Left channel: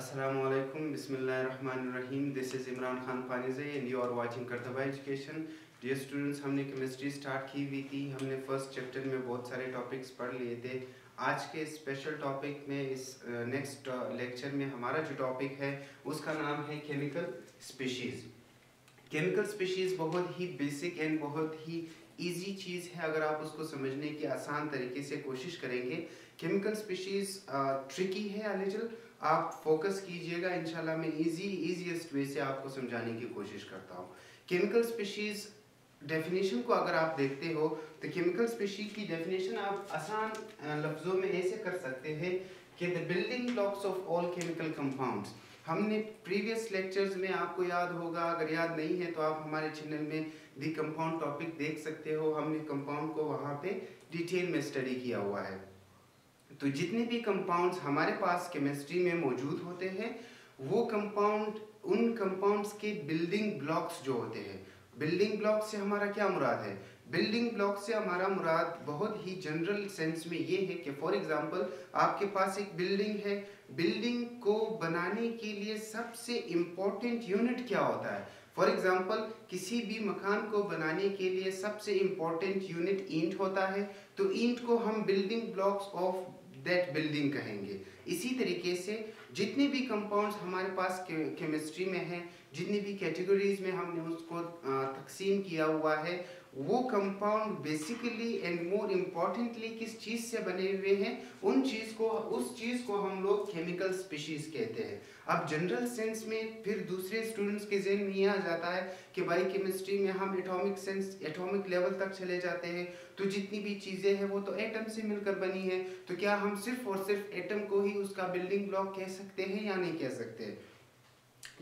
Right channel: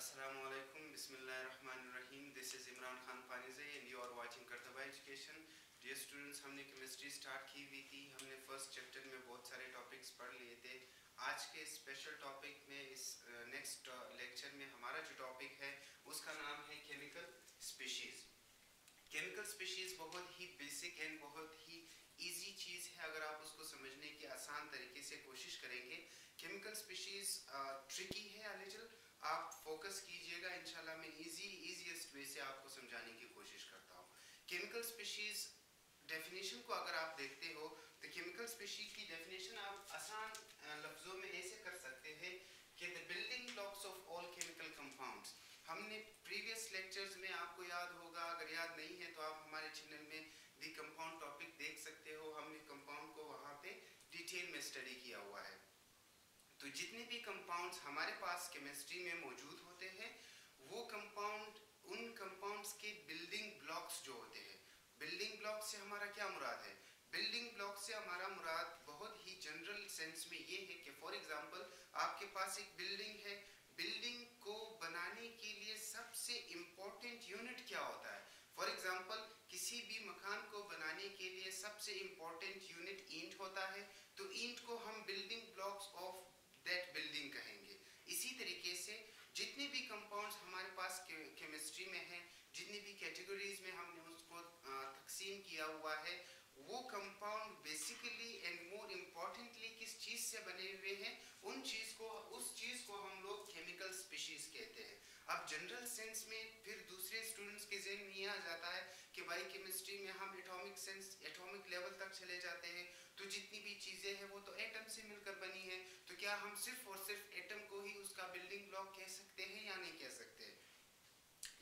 Assalamualaikum, Bismillahirrahmanirrahim. This is Imran Khan Panizai and you are watching Kartaba Education. Dear students, हमने chemistry start की हुई थी। हमने first chapter में बहुत सारे टॉपिक्स पढ़ लिए थे। आज के स्पेशल टॉपिक में इस नेक्स्ट लेक्चर में हमारा जो टॉपिक है उसका नाम है केमिकल स्पीशीज़। केमिकल स्पीशीज़ बहुत ही बेसिक एंड बहुत ही इजी चीज़ है अगर आप उसको समझने की आसान तरीके से कोशिश करेंगे। केमिकल स्पीशीज़ ट्रिकी है अ लिटिल, आप फोकस कीजिएगा, इंशाल्लाह मैं इजीएस्ट वे से आपको समझाने की कोशिश करता हूँ। केमिकल स्पीशीज़ डेफिनेशन को अगर आप देखते हो तो केमिकल स्पीशीज़ की डेफिनेशन आप आसान लफ्ज़ों में ऐसे कर सकते हैं कि the building blocks of all chemical compounds. हमने प्रीवियस लेक्चर्स में, आपको याद होगा, अगर याद नहीं है तो आप हमारे चैनल में दी कंपाउंड टॉपिक देख सकते हो। हमने कंपाउंड को वहाँ पे डिटेल में स्टडी किया हुआ है। तो जितने भी कंपाउंड्स हमारे पास केमिस्ट्री में मौजूद होते हैं वो कंपाउंड, उन कंपाउंड्स के बिल्डिंग ब्लॉक्स जो होते हैं, बिल्डिंग ब्लॉक से हमारा क्या मुराद है? बिल्डिंग ब्लॉक से हमारा मुराद बहुत ही जनरल सेंस में ये है कि फॉर एग्जांपल आपके पास एक बिल्डिंग है, बिल्डिंग को बनाने के लिए सबसे इम्पोर्टेंट यूनिट क्या होता है? फॉर एग्जांपल किसी भी मकान को बनाने के लिए सबसे इम्पोर्टेंट यूनिट ईंट होता है, तो ईंट को हम building blocks of that building कहेंगे। इसी तरीके से जितने भी कंपाउंड्स हमारे पास केमिस्ट्री में हैं, जितनी भी कैटेगरीज में हमने उसको तकसीम किया हुआ है, वो compound basically and more importantly किस चीज़ से बने हुए हैं, उस चीज़ को हम लोग केमिकल स्पीशीज़ कहते हैं। अब जनरल सेंस में फिर दूसरे स्टूडेंट्स के ज़हन में ये आ जाता है कि भाई केमिस्ट्री में हम एटॉमिक लेवल तक चले जाते हैं, तो जितनी भी चीज़ें हैं वो तो एटम से मिलकर बनी है, तो क्या हम सिर्फ और सिर्फ एटम को ही उसका बिल्डिंग ब्लॉक कह सकते हैं या नहीं कह सकते?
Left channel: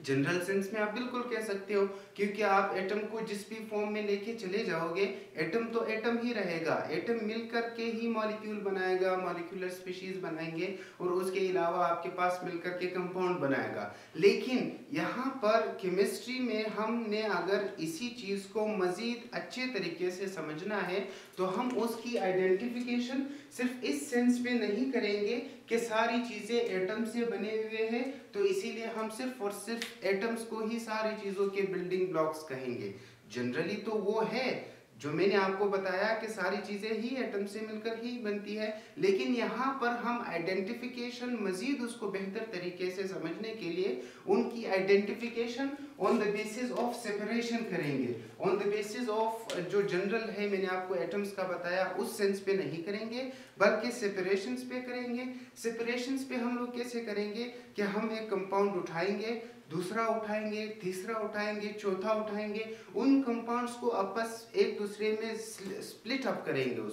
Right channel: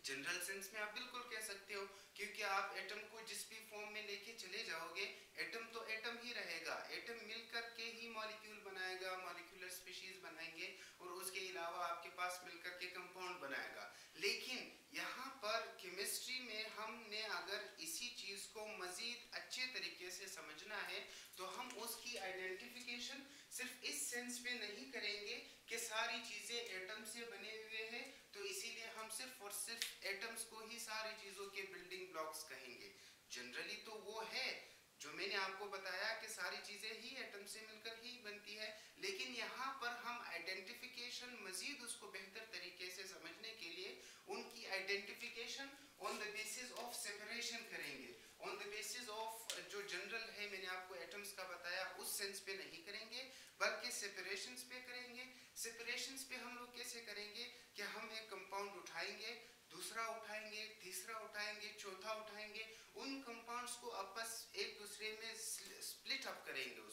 जनरल सेंस में आप बिल्कुल कह सकते हो, क्योंकि आप एटम को जिस भी फॉर्म में लेके चले जाओगे एटम तो एटम ही रहेगा। एटम मिलकर के ही मॉलिक्यूल बनाएगा, मॉलिक्यूलर स्पीशीज बनाएंगे और उसके अलावा आपके पास मिलकर के कंपाउंड बनाएगा। लेकिन यहाँ पर केमिस्ट्री में हमने अगर इसी चीज़ को मज़ीद अच्छे तरीके से समझना है तो हम उसकी आइडेंटिफिकेशन सिर्फ इस सेंस पे नहीं करेंगे कि सारी चीज़ें एटम से बने हुए हैं, तो इसीलिए हम सिर्फ और सिर्फ एटम्स को ही सारी चीज़ों के बिल्डिंग ब्लॉक्स कहेंगे। जनरली तो वो है जो मैंने आपको बताया कि सारी चीज़ें ही एटम से मिलकर ही बनती है, लेकिन यहाँ पर हम आइडेंटिफिकेशन मज़ीद उसको बेहतर तरीके से समझने के लिए उनकी identification on the basis of separation करेंगे। ऑन द बेसिस ऑफ जो जनरल है, मैंने आपको एटम्स का बताया, उस सेंस पे नहीं करेंगे बल्कि सेपरेशंस पे करेंगे। सेपरेशंस पे हम लोग कैसे करेंगे कि हम एक कंपाउंड उठाएंगे, दूसरा उठाएंगे, तीसरा उठाएंगे, चौथा उठाएंगे, उन कंपाउंड्स को आपस एक दूसरे में स्प्लिट अप करेंगे,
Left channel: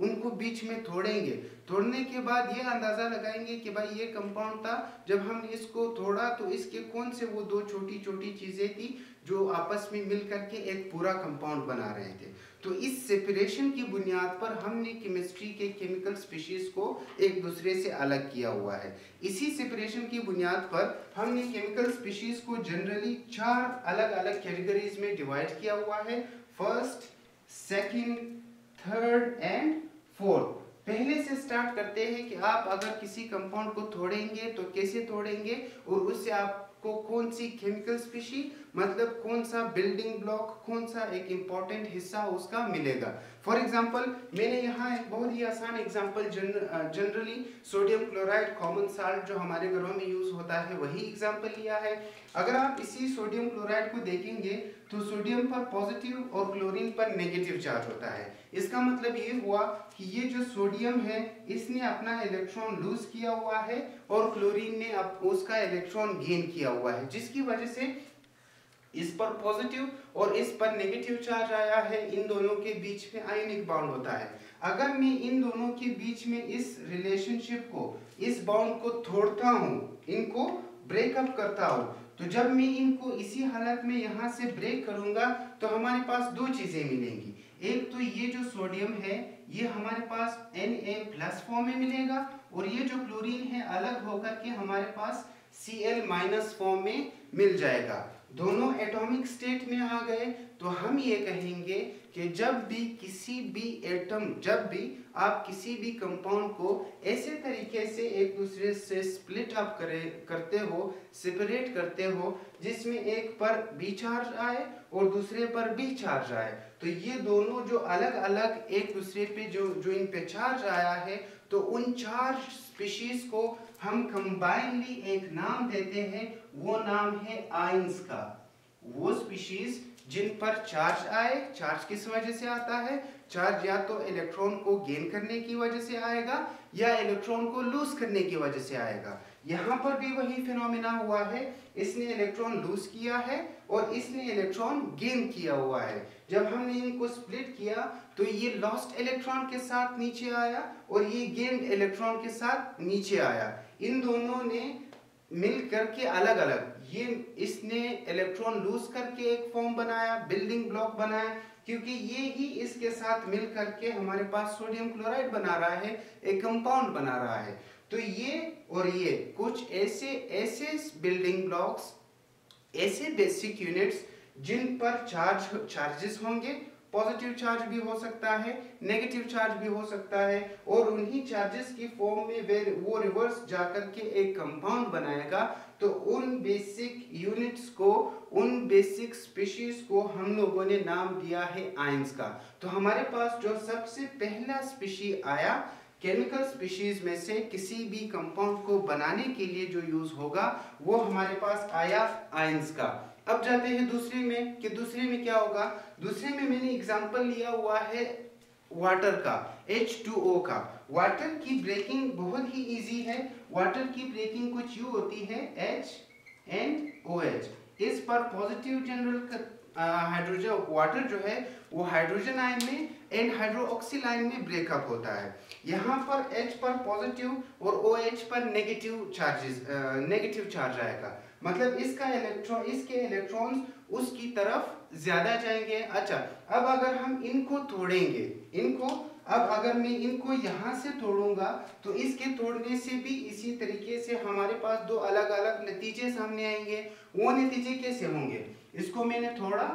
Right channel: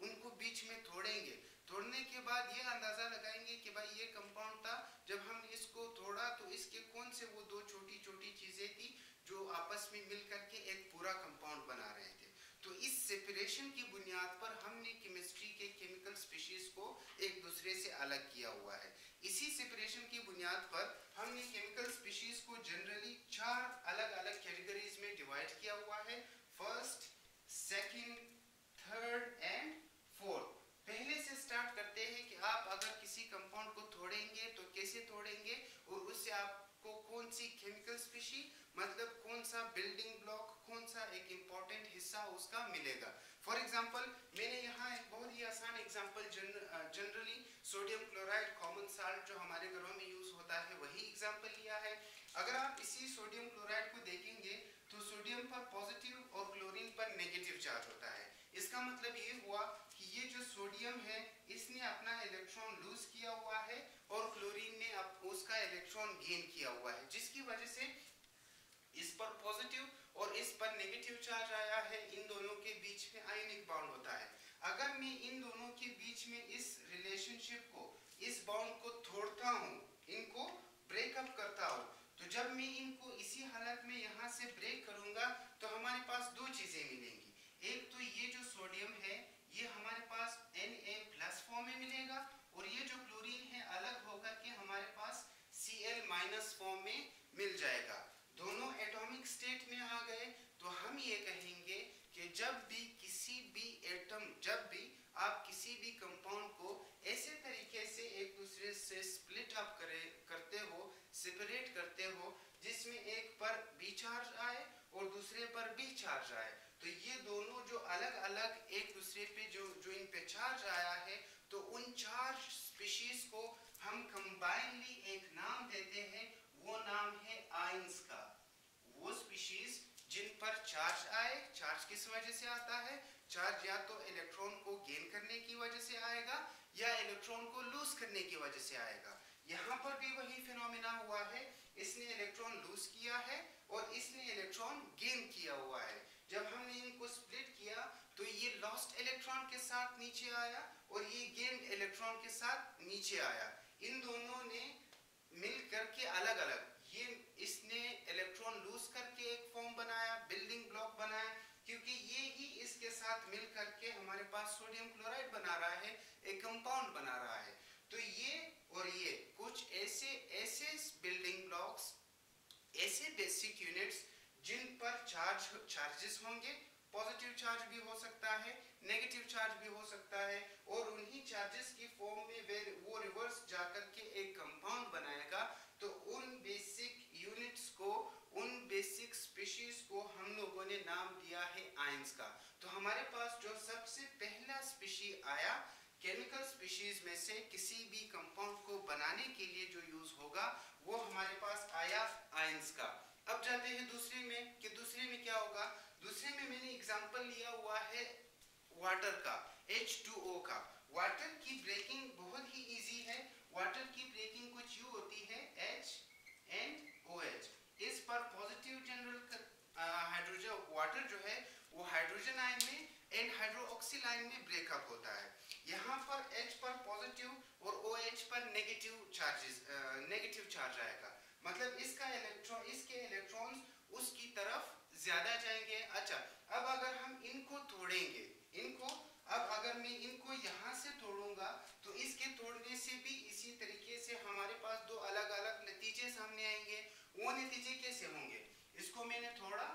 उनको बीच में तोड़ेंगे। तोड़ने के बाद ये अंदाज़ा लगाएंगे कि भाई ये कंपाउंड था, जब हमने इसको तोड़ा तो इसके कौन से वो दो छोटी छोटी चीज़ें थी जो आपस में मिल करके एक पूरा कंपाउंड बना रहे थे। तो इस सेपरेशन की बुनियाद पर हमने केमिस्ट्री के केमिकल स्पीशीज़ को एक दूसरे से अलग किया हुआ है। इसी सेपरेशन की बुनियाद पर हमने केमिकल स्पीशीज़ को जनरली 4 अलग अलग कैटेगरीज में डिवाइड किया हुआ है। First, second, third and fourth. पहले से स्टार्ट करते हैं कि आप अगर किसी कंपाउंड को तोड़ेंगे तो कैसे तोड़ेंगे और उससे आपको कौन सी केमिकल स्पीशी, मतलब कौन सा बिल्डिंग ब्लॉक, कौन सा एक इम्पॉर्टेंट हिस्सा उसका मिलेगा। फॉर एग्जांपल मैंने यहाँ एक बहुत ही आसान example generally sodium chloride common salt जो हमारे घरों में यूज़ होता है वही एग्जांपल लिया है। अगर आप इसी सोडियम क्लोराइड को देखेंगे तो सोडियम पर पॉजिटिव और क्लोरीन पर नेगेटिव चार्ज होता है। इसका मतलब ये हुआ कि ये जो सोडियम है इसने अपना इलेक्ट्रॉन लूज किया हुआ है और क्लोरीन ने उसका इलेक्ट्रॉन गेन किया हुआ है, जिसकी वजह से इस पर पॉजिटिव और इस पर नेगेटिव चार्ज आया है। इन दोनों के बीच में आयनिक बॉन्ड होता है। अगर मैं इन दोनों के बीच में इस रिलेशनशिप को, इस बॉन्ड को तोड़ता हूँ, इनको ब्रेकअप करता हूँ, तो जब मैं इनको इसी हालत में यहाँ से ब्रेक करूँगा तो हमारे पास दो चीज़ें मिलेंगी। एक तो ये जो सोडियम है ये हमारे पास Na+ फॉर्म में मिलेगा और ये जो क्लोरीन है अलग होकर के हमारे पास Cl- फॉर्म में मिल जाएगा। दोनों एटॉमिक स्टेट में आ गए तो हम ये कहेंगे कि जब भी किसी भी एटम, जब भी आप किसी भी कंपाउंड को ऐसे तरीके से एक दूसरे से स्प्लिट अप करते हो, सेपरेट करते हो, जिसमें एक पर बी चार्ज आए और दूसरे पर बी चार्ज आए, तो ये दोनों जो अलग अलग एक दूसरे पे जो इन पे चार्ज आया है, तो उन चार्ज स्पीशीज को हम कंबाइनली एक नाम देते हैं, वो नाम है आयंस का। वो स्पीशीज जिन पर चार्ज आए, चार्ज किस वजह से आता है? चार्ज या तो इलेक्ट्रॉन को गेन करने की वजह से आएगा या इलेक्ट्रॉन को लूज करने की वजह से आएगा। यहाँ पर भी वही फिनोमिना हुआ है, इसने इलेक्ट्रॉन लूज किया है और इसने इलेक्ट्रॉन गेन किया हुआ है। जब हमने इनको स्प्लिट किया तो ये लॉस्ट इलेक्ट्रॉन के साथ नीचे आया और ये गेन्ड इलेक्ट्रॉन के साथ नीचे आया। इन दोनों ने मिल करके अलग अलग, ये इसने इलेक्ट्रॉन लूज करके एक फॉर्म बनाया, बिल्डिंग ब्लॉक बनाया, क्योंकि ये ही इसके साथ मिल करके हमारे पास सोडियम क्लोराइड बना रहा है, एक कंपाउंड बना रहा है। तो ये और ये कुछ ऐसे बिल्डिंग ब्लॉक्स, ऐसे बेसिक यूनिट्स जिन पर चार्जेस होंगे, पॉजिटिव चार्ज भी हो सकता है, नेगेटिव चार्ज भी हो सकता है, और उन्हीं चार्जेस की फॉर्म में वो रिवर्स जाकर के एक कंपाउंड बनाएगा। तो उन बेसिक यूनिट्स को, उन बेसिक स्पीशीज को हम लोगों ने नाम दिया है आयंस का। तो हमारे पास जो सबसे पहला स्पीशी आया केमिकल स्पीशीज में से किसी भी कंपाउंड को बनाने के लिए जो यूज होगा, वो हमारे पास आया आयंस का। अब जाते हैं दूसरे में कि दूसरे में क्या होगा। दूसरे में मैंने एग्जांपल लिया हुआ है वाटर का, H2O का। वाटर की ब्रेकिंग बहुत ही इजी है। वाटर की ब्रेकिंग कुछ यूं होती है, H and OH। इस पर पॉजिटिव जनरल हाइड्रोजन, वाटर जो है वो हाइड्रोजन आयन में एंड हाइड्रोक्सिल आयन में ब्रेकअप होता है। यहाँ पर H पर पॉजिटिव और OH पर नेगेटिव चार्ज आएगा, मतलब इसके इलेक्ट्रॉन्स उसकी तरफ ज्यादा जाएंगे। अच्छा, अब अगर हम इनको तोड़ेंगे, अब अगर मैं इनको यहाँ से तोड़ूंगा तो इसके तोड़ने से भी इसी तरीके से हमारे पास दो अलग अलग नतीजे सामने आएंगे। वो नतीजे कैसे होंगे? इसको मैंने तोड़ा,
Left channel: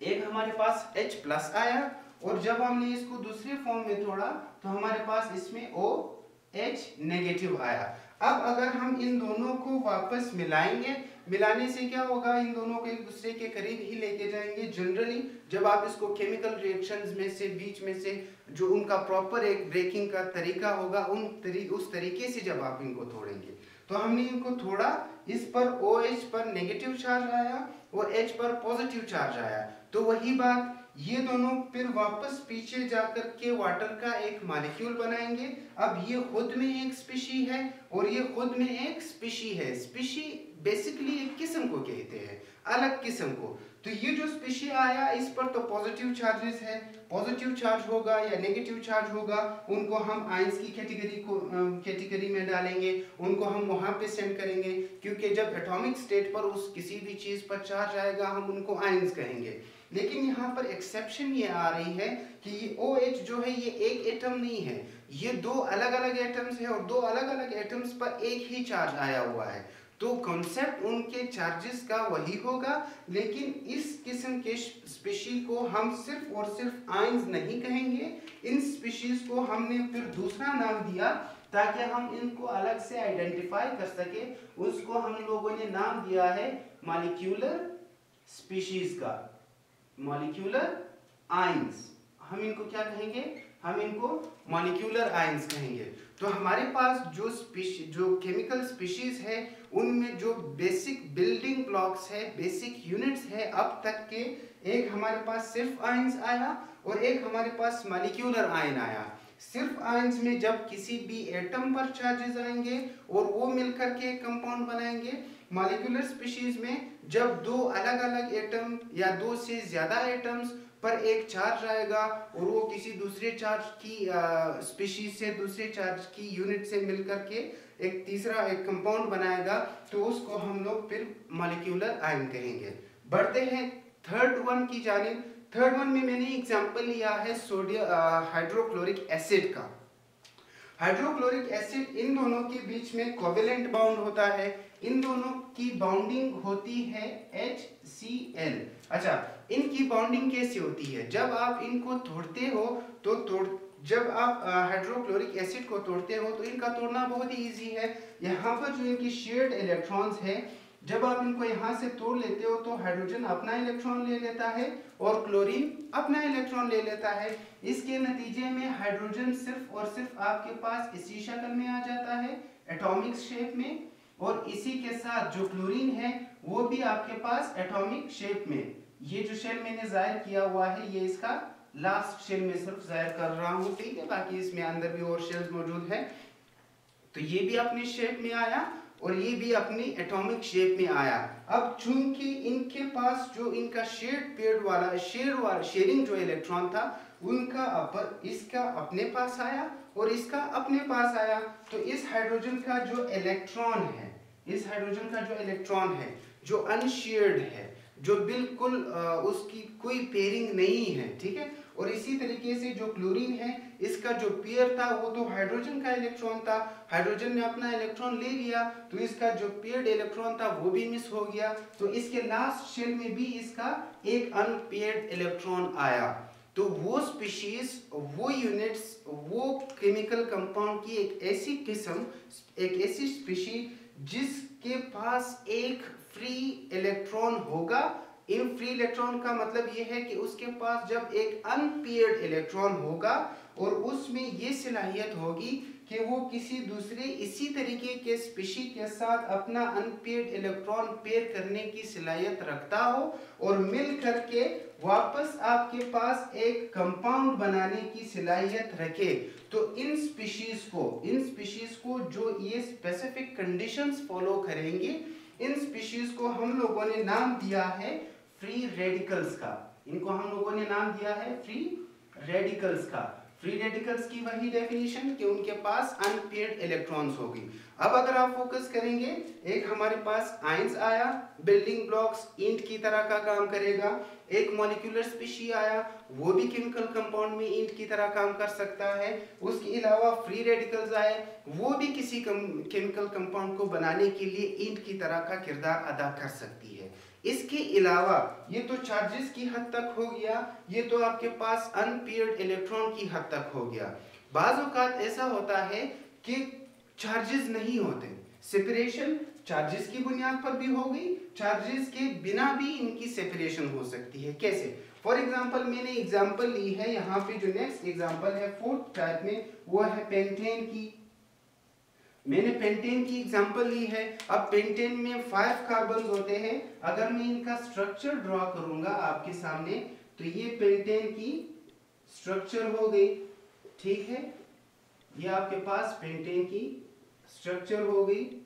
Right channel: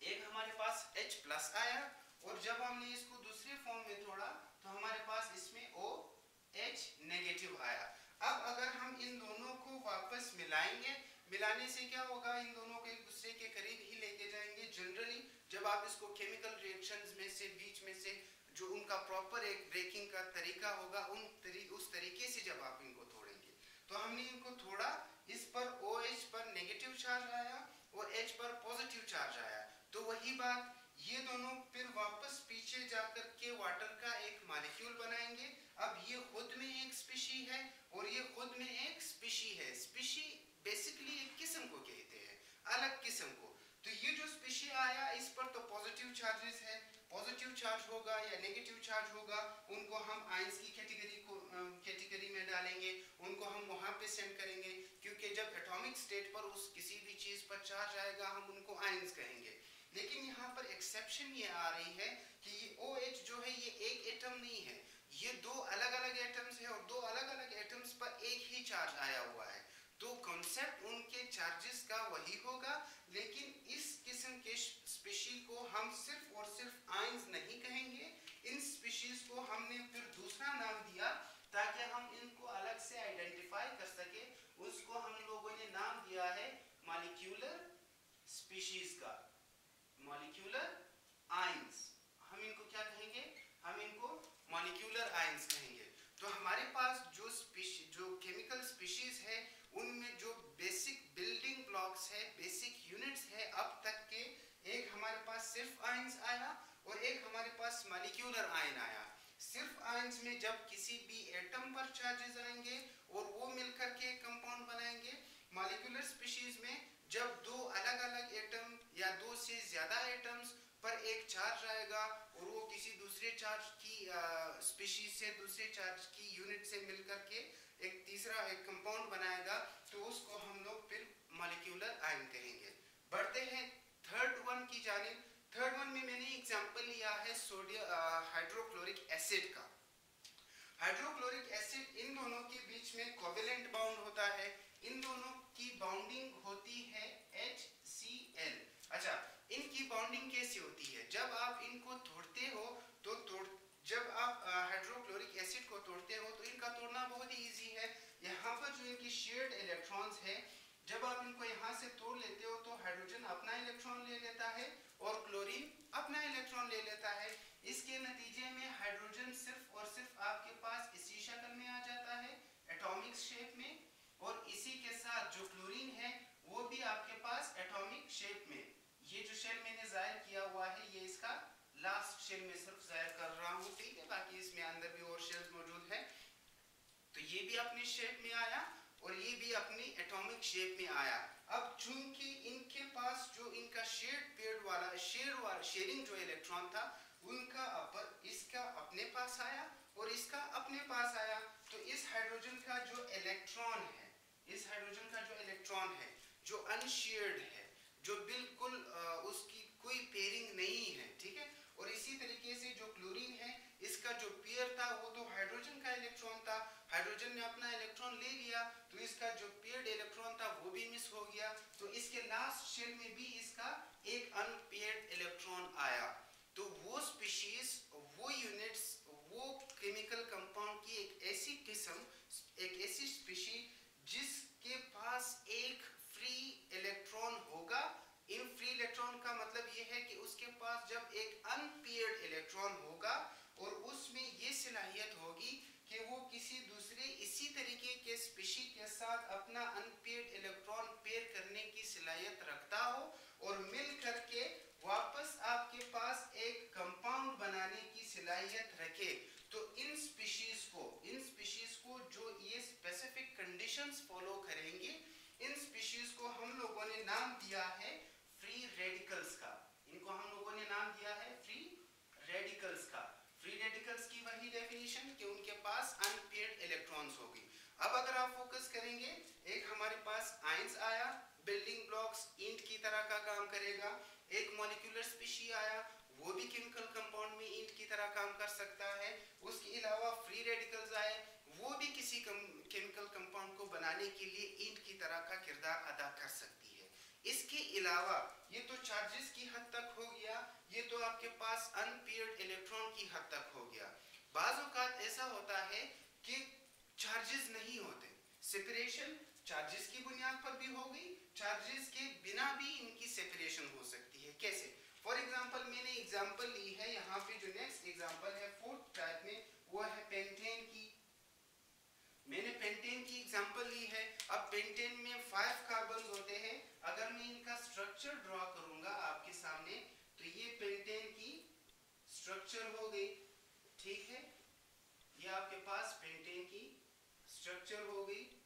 एक हमारे पास H प्लस आया, और जब हमने इसको दूसरे फॉर्म में तोड़ा तो हमारे पास इसमें OH नेगेटिव आया। अब अगर हम इन दोनों को वापस मिलाएंगे, मिलाने से क्या होगा, इन दोनों को एक दूसरे के करीब ही लेके जाएंगे। जनरली जब आप इसको केमिकल रिएक्शंस में से बीच में से जो उनका प्रॉपर एक ब्रेकिंग का तरीका होगा, उस तरीके से जब आप इनको तोड़ेंगे, तो हमने इनको थोड़ा, इस पर OH पर नेगेटिव चार्ज आया और H पर पॉजिटिव चार्ज आया। तो वही बात, ये दोनों फिर वापस पीछे जाकर के वाटर का एक मॉलिक्यूल बनाएंगे। अब ये खुद में एक स्पीशी है और ये खुद में एक स्पीशी है। स्पीशी बेसिकली एक किस्म को कहते हैं, अलग किस्म को। तो ये जो स्पीशी आया, इस पर तो पॉजिटिव चार्जेस है, पॉजिटिव चार्ज होगा या नेगेटिव चार्ज होगा, उनको हम आयंस की कैटेगरी में डालेंगे, उनको हम वहां पे सेंड करेंगे, क्योंकि जब एटॉमिक स्टेट पर उस किसी भी चीज पर चार्ज आएगा हम उनको आयंस कहेंगे। लेकिन यहाँ पर एक्सेप्शन ये आ रही है कि ये OH जो है ये एक एटम नहीं है, ये दो अलग अलग एटम्स है और दो अलग अलग एटम्स पर एक ही चार्ज आया हुआ है। तो कॉन्सेप्ट उनके चार्जेस का वही होगा, लेकिन इस किस्म के स्पीशी को हम सिर्फ और सिर्फ आयंस नहीं कहेंगे। इन स्पीशीज को हमने फिर दूसरा नाम दिया ताकि हम इनको अलग से आइडेंटिफाई कर सके। उसको हम लोगों ने नाम दिया है मॉलिक्यूलर स्पीशीज का, मॉलिक्यूलर आयंस। हम इनको क्या कहेंगे? हम इनको मॉलिक्यूलर आयंस कहेंगे। तो हमारे पास जो केमिकल स्पीशीज है, उनमें जो बेसिक बिल्डिंग ब्लॉक्स है, बेसिक यूनिट्स है अब तक के, एक हमारे पास सिर्फ आयंस आया और एक हमारे पास मॉलिक्यूलर आयन आया। सिर्फ आयंस में जब किसी भी एटम पर चार्जेस आएंगे और वो मिलकर के एक कंपाउंड बनाएंगे। मॉलिक्यूलर स्पीशीज में जब दो अलग अलग एटम या दो से ज्यादा एटम्स पर एक चार्ज आएगा और वो किसी दूसरे चार्ज की स्पीशीज से, दूसरे चार्ज की यूनिट से मिलकर के एक तीसरा एक कंपाउंड बनाएगा, तो उसको हम लोग फिर मॉलिक्यूलर आयन कहेंगे। बढ़ते हैं थर्ड वन की जानिब। थर्ड वन में मैंने एग्जांपल लिया है सोडियम हाइड्रोक्लोरिक एसिड का। हाइड्रोक्लोरिक एसिड इन दोनों के बीच में कोवेलेंट बाउंड होता है, इन दोनों की बाउंडिंग होती है HCl। अच्छा, इनकी बाउंडिंग कैसे होती है? जब आप इनको तोड़ते हो तो जब आप हाइड्रोक्लोरिक एसिड को तोड़ते हो तो इनका तोड़ना बहुत ही इजी है। यहाँ पर जो इनकी शेयर्ड इलेक्ट्रॉन्स है, जब आप इनको यहाँ से तोड़ लेते हो तो हाइड्रोजन अपना इलेक्ट्रॉन ले लेता है और क्लोरीन अपना इलेक्ट्रॉन ले लेता है। इसके नतीजे में हाइड्रोजन सिर्फ और सिर्फ आपके पास इसी शक्ल में आ जाता है, एटॉमिक शेप में, और इसी के साथ जो क्लोरीन है वो भी आपके पास एटॉमिक शेप में। ये जो शेल मैंने जाहिर किया हुआ है ये इसका लास्ट शेल में सिर्फ जाहिर कर रहा हूँ, ठीक है, बाकी इसमें अंदर भी और शेल्स मौजूद है। तो ये भी अपनी शेप में आया और ये भी अपनी एटॉमिक शेप में आया। अब चूंकि इनके पास जो इनका शेयरिंग जो इलेक्ट्रॉन था उनका इसका अपने पास आया और इसका अपने पास आया, तो इस हाइड्रोजन का जो इलेक्ट्रॉन है जो अनशेयर्ड है, जो बिल्कुल उसकी कोई पेयरिंग नहीं है, ठीक है। और इसी तरीके से जो क्लोरीन है इसका जो पेयर था वो तो हाइड्रोजन का इलेक्ट्रॉन था, हाइड्रोजन ने अपना इलेक्ट्रॉन ले लिया तो इसका जो पेयर्ड इलेक्ट्रॉन था वो भी मिस हो गया, तो इसके लास्ट शेल में भी इसका एक अनपेयर्ड इलेक्ट्रॉन आया। तो वो स्पीशीज, वो यूनिट्स, वो केमिकल कंपाउंड की एक ऐसी किस्म, एक ऐसी स्पीशीज जिसके पास एक फ्री इलेक्ट्रॉन होगा। इन फ्री इलेक्ट्रॉन का मतलब ये है कि उसके पास जब एक अनपेयर्ड इलेक्ट्रॉन होगा और उसमें ये सलाहियत होगी कि वो किसी दूसरे इसी तरीके के स्पीशी के साथ अपना अनपेयर्ड इलेक्ट्रॉन पेयर करने की सलाहियत रखता हो और मिल करके वापस आपके पास एक कंपाउंड बनाने की सलाहियत रखे। तो इन स्पीशीज को जो ये स्पेसिफिक कंडीशंस फॉलो करेंगे, इन स्पीशीज को हम लोगों ने नाम दिया है फ्री रेडिकल्स का। इनको हम लोगों ने नाम दिया है फ्री रेडिकल्स का। फ्री रेडिकल्स की वही डेफिनेशन कि उनके पास अनपेयर्ड इलेक्ट्रॉन्स होगी। अब अगर आप फोकस करेंगे, एक हमारे पास आयंस आया, बिल्डिंग ब्लॉक्स ईंट की तरह का काम करेगा। एक मॉलिक्यूलर स्पीशी आया, वो भी केमिकल कंपाउंड में ईंट की तरह काम कर सकता है। उसके अलावा फ्री रेडिकल्स आए, वो भी किसी केमिकल कंपाउंड को बनाने के लिए ईंट की तरह का किरदार अदा कर सकती है। इसके अलावा ये तो चार्जेस की हद तक हो गया, ये तो आपके पास अनपेयर्ड इलेक्ट्रॉन की हद तक हो गया। बाज़ औक़ात ऐसा होता है कि चार्जेस नहीं होते, सेपरेशन चार्जेस की बुनियाद पर भी हो गई, चार्जेस के बिना भी इनकी सेपरेशन हो सकती है। कैसे? फॉर एग्जांपल मैंने एग्जांपल ली है यहाँ पे, जो नेक्स्ट एग्जांपल है फोर्थ टाइप में, वो है पेंटेन की। मैंने पेंटेन की एग्जांपल ली है। अब पेंटेन में 5 कार्बन होते हैं। अगर मैं इनका स्ट्रक्चर ड्रॉ करूंगा आपके सामने तो ये पेंटेन की स्ट्रक्चर हो गई, ठीक है। ये आपके पास पेंटेन की स्ट्रक्चर हो गई,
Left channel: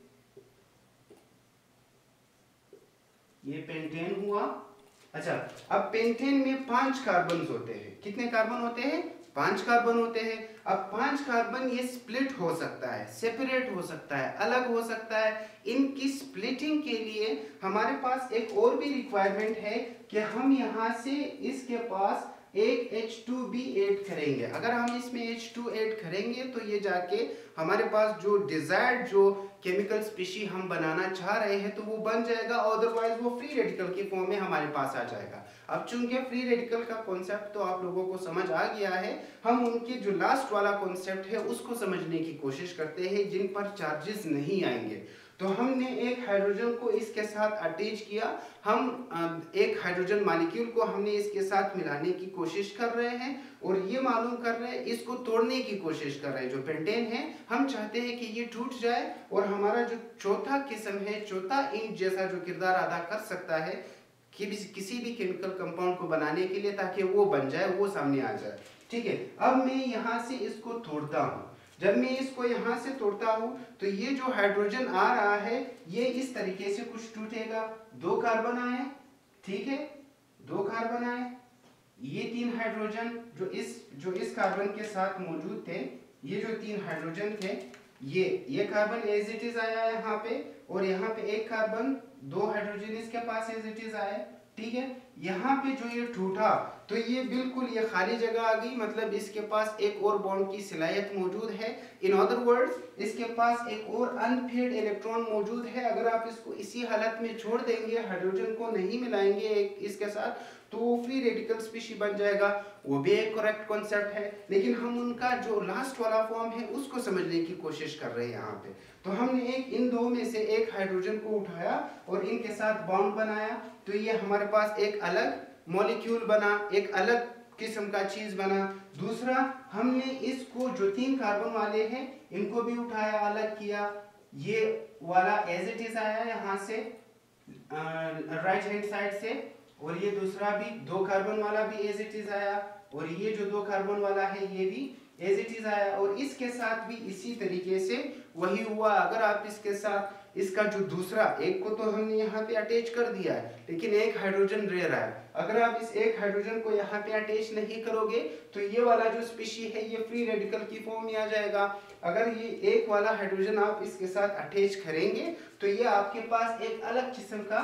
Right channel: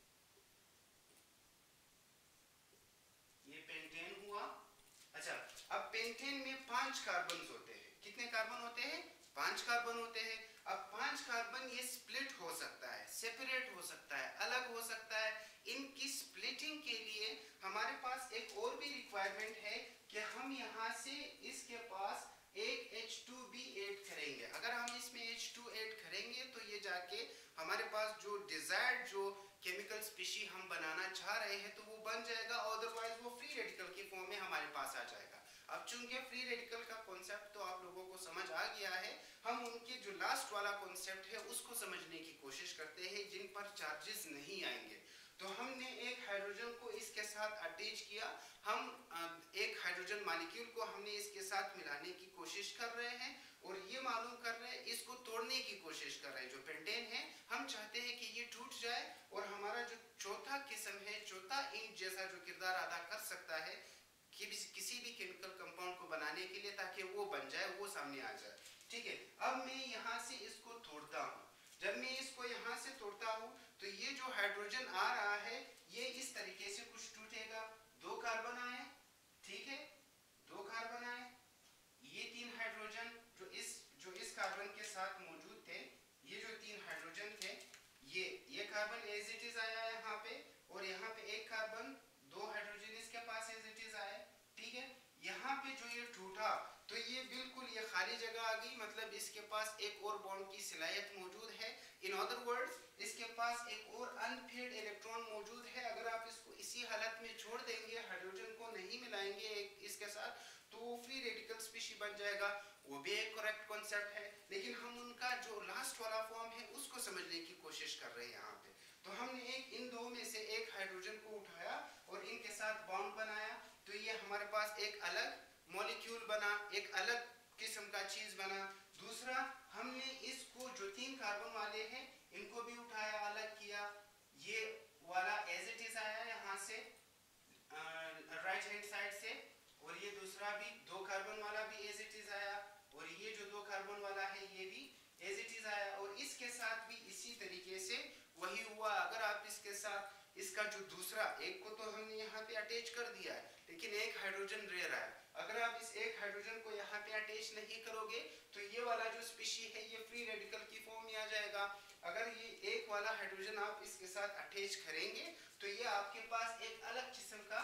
ये पेंटेन हुआ। अच्छा, अब पेंटेन में 5 कार्बन होते हैं। कितने कार्बन होते हैं? 5 कार्बन होते हैं। अब 5 कार्बन ये स्प्लिट हो सकता है, सेपरेट हो सकता है, अलग हो सकता है। इनकी स्प्लिटिंग के लिए हमारे पास एक और भी रिक्वायरमेंट है कि हम यहाँ से इसके पास एक H2 भी ऐड करेंगे। अगर हम इसमें H2 ऐड करेंगे तो ये जाके हमारे पास जो डिजायर्ड जो केमिकल स्पीशी हम बनाना चाह रहे हैं तो वो बन जाएगा, अदरवाइज वो फ्री रेडिकल की फॉर्म में हमारे पास आ जाएगा। अब चूंकि फ्री रेडिकल का कॉन्सेप्ट तो आप लोगों को समझ आ गया है, हम उनके जो लास्ट वाला कॉन्सेप्ट है उसको समझने की कोशिश करते हैं जिन पर चार्जेस नहीं आएंगे। तो हमने एक हाइड्रोजन को इसके साथ अटैच किया, हम एक हाइड्रोजन मॉलिक्यूल को हमने इसके साथ मिलाने की कोशिश कर रहे हैं और ये मालूम कर रहे हैं, इसको तोड़ने की कोशिश कर रहे हैं। जो पेंटेन है हम चाहते हैं कि ये टूट जाए और हमारा जो चौथा किस्म है, चौथा ईंट जैसा जो किरदार अदा कर सकता है कि किसी भी केमिकल कंपाउंड को बनाने के लिए, ताकि वो बन जाए, वो सामने आ जाए, ठीक है। अब मैं यहाँ से इसको तोड़ता हूँ। जब मैं इसको यहाँ से तोड़ता हूँ तो ये जो हाइड्रोजन आ रहा है ये इस तरीके से कुछ टूटेगा। 2 कार्बन आए, ठीक है, 2 कार्बन आए। ये 3 हाइड्रोजन जो इस कार्बन के साथ मौजूद थे, ये जो 3 हाइड्रोजन थे, ये कार्बन एज इट इज आया यहाँ पे, और यहाँ पे एक कार्बन, 2 हाइड्रोजन इसके पास एज इट इज आए, ठीक है। यहाँ पे जो ये ठूठा, तो ये बिल्कुल ये खाली जगह आ गई, मतलब इसके पास एक और बॉन्ड की सलाहियत मौजूद है। इन अदर वर्ड्स इसके पास एक और अनपेयर्ड इलेक्ट्रॉन मौजूद है। अगर आप इसको इसी हालत में छोड़ देंगे, हाइड्रोजन को नहीं मिलाएंगे इसके साथ, तो वो फ्री रेडिकल स्पीशी बन जाएगा। वो भी एक करेक्ट कॉन्सेप्ट है, लेकिन हम उनका जो लास्ट वाला फॉर्म है उसको समझने की कोशिश कर रहे हैं यहाँ पे। तो हमने इन दो में से एक हाइड्रोजन को उठाया और इनके साथ बॉन्ड बनाया, तो ये हमारे पास एक अलग मॉलिक्यूल बना, एक अलग किस्म का चीज बना। दूसरा, हमने इसको जो 3 कार्बन वाले हैं इनको भी उठाया, अलग किया, ये वाला एज इट इज आया यहाँ से राइट हैंड साइड से, और ये दूसरा भी 2 कार्बन वाला भी एज इट इज आया, और ये जो 2 कार्बन वाला है ये भी एज इट इज आया, और इसके साथ भी इसी तरीके से वही हुआ। अगर आप इसके साथ इसका जो दूसरा एक को तो हमने यहाँ पे अटैच कर दिया है, लेकिन एक हाइड्रोजन रह रहा है। अगर आप इस एक हाइड्रोजन को यहाँ पे अटैच नहीं करोगे तो ये वाला जो स्पीशी है ये फ्री रेडिकल की फॉर्म में आ जाएगा। अगर ये एक वाला हाइड्रोजन आप इसके साथ अटैच करेंगे तो ये आपके पास एक अलग किस्म का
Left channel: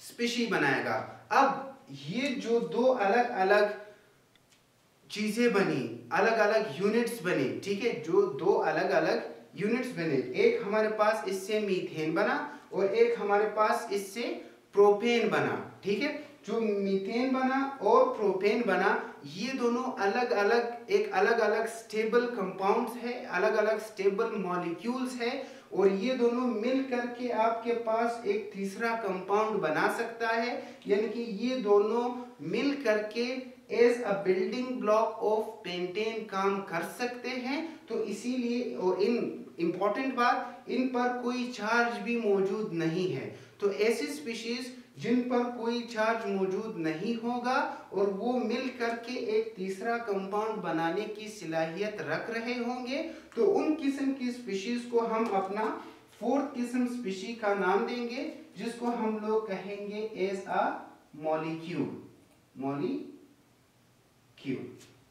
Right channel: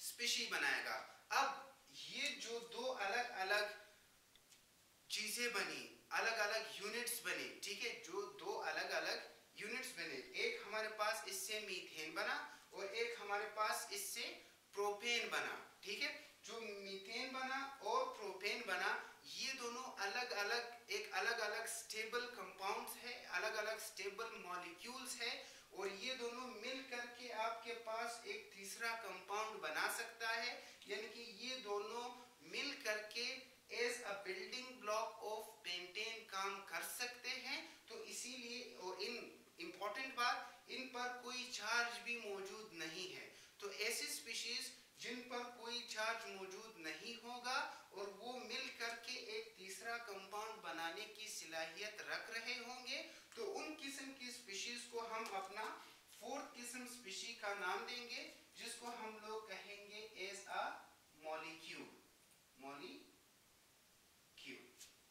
स्पीशी बनाएगा। अब ये जो 2 अलग अलग चीजें बनी, अलग अलग यूनिट्स बने, ठीक है, जो 2 अलग अलग यूनिट्स बने, एक हमारे पास इससे मीथेन बना और एक हमारे पास इससे प्रोपेन बना, ठीक है। जो मीथेन बना और प्रोपेन बना, ये दोनों अलग अलग स्टेबल कंपाउंड्स है, अलग अलग स्टेबल मॉलिक्यूल्स है, और ये दोनों मिल करके आपके पास एक तीसरा कंपाउंड बना सकता है। यानी कि ये दोनों मिल करके as a building block of pentane काम कर सकते हैं। तो इसीलिए, और इम्पोर्टेंट बात, इन पर कोई चार्ज भी मौजूद नहीं है। तो ऐसी स्पीशीज जिन पर कोई चार्ज मौजूद नहीं होगा और वो मिल करके एक तीसरा कंपाउंड बनाने की सलाहियत रख रहे होंगे, तो उन किस्म की स्पीशीज को हम अपना 4th किस्म स्पीशी का नाम देंगे, जिसको हम लोग कहेंगे एज अ मॉलिक्यूल,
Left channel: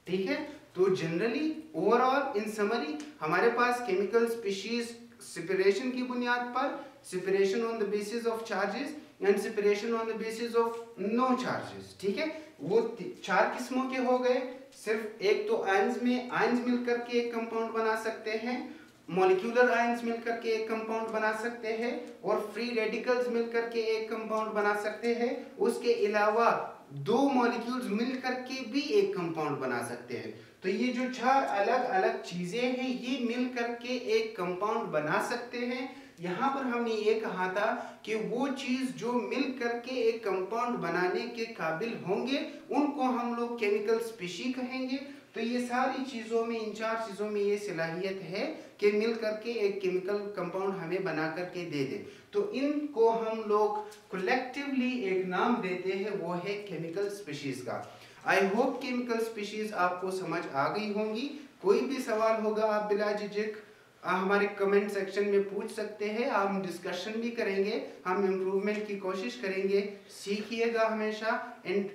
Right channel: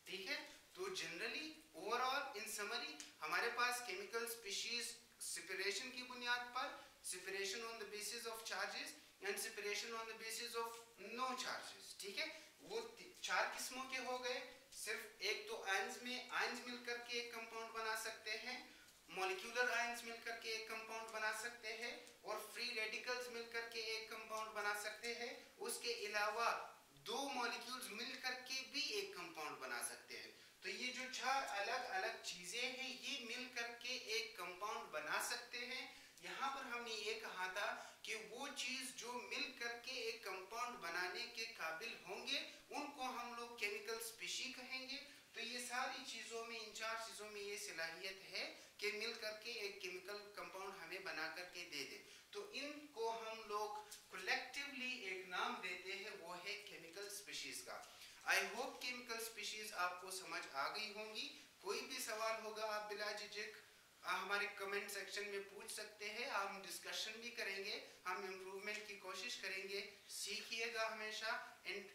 ठीक है। तो जनरली ओवरऑल इन समरी हमारे पास केमिकल स्पीशीज सेपरेशन की बुनियाद पर, separation on the basis of charges and separation on the basis of no charges, ठीक है, वो 4 किस्मों के हो गए। सिर्फ एक तो आयंस में आयंस मिलकर के एक कंपाउंड बना सकते हैं, मॉलिक्यूलर आयंस मिलकर के एक कंपाउंड बना सकते हैं, और फ्री रेडिकल्स मिलकर के एक कंपाउंड बना सकते हैं। उसके अलावा 2 मॉलिक्यूल्स मिलकर के भी एक कंपाउंड बना सकते हैं। तो ये जो 4 अलग अलग चीजें हैं ये मिलकर के एक कंपाउंड बना सकते हैं। यहाँ पर हमने ये कहा था कि वो चीज जो मिल करके एक कंपाउंड बनाने के काबिल होंगे उनको हम लोग केमिकल स्पीशी कहेंगे। तो ये सारी चीजों में, इन 4 चीजों में ये सलाहियत है कि मिल करके एक केमिकल कंपाउंड हमें बना करके दे दे। तो इनको हम लोग कलेक्टिवली एक नाम देते हैं, वो है केमिकल स्पीशीज का। आई होप केमिकल स्पीशीज आपको समझ आ गई होंगी। कोई भी सवाल होगा आप बिला झिझक हमारे कमेंट सेक्शन में पूछ सकते हैं, हम डिस्कशन भी करेंगे, हम इम्प्रूवमेंट की कोशिश करेंगे। सीखिएगा हमेशा एंड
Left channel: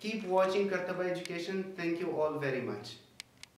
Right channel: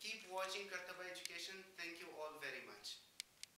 कीप वॉचिंग कर्तव्य education. Thank you all very much.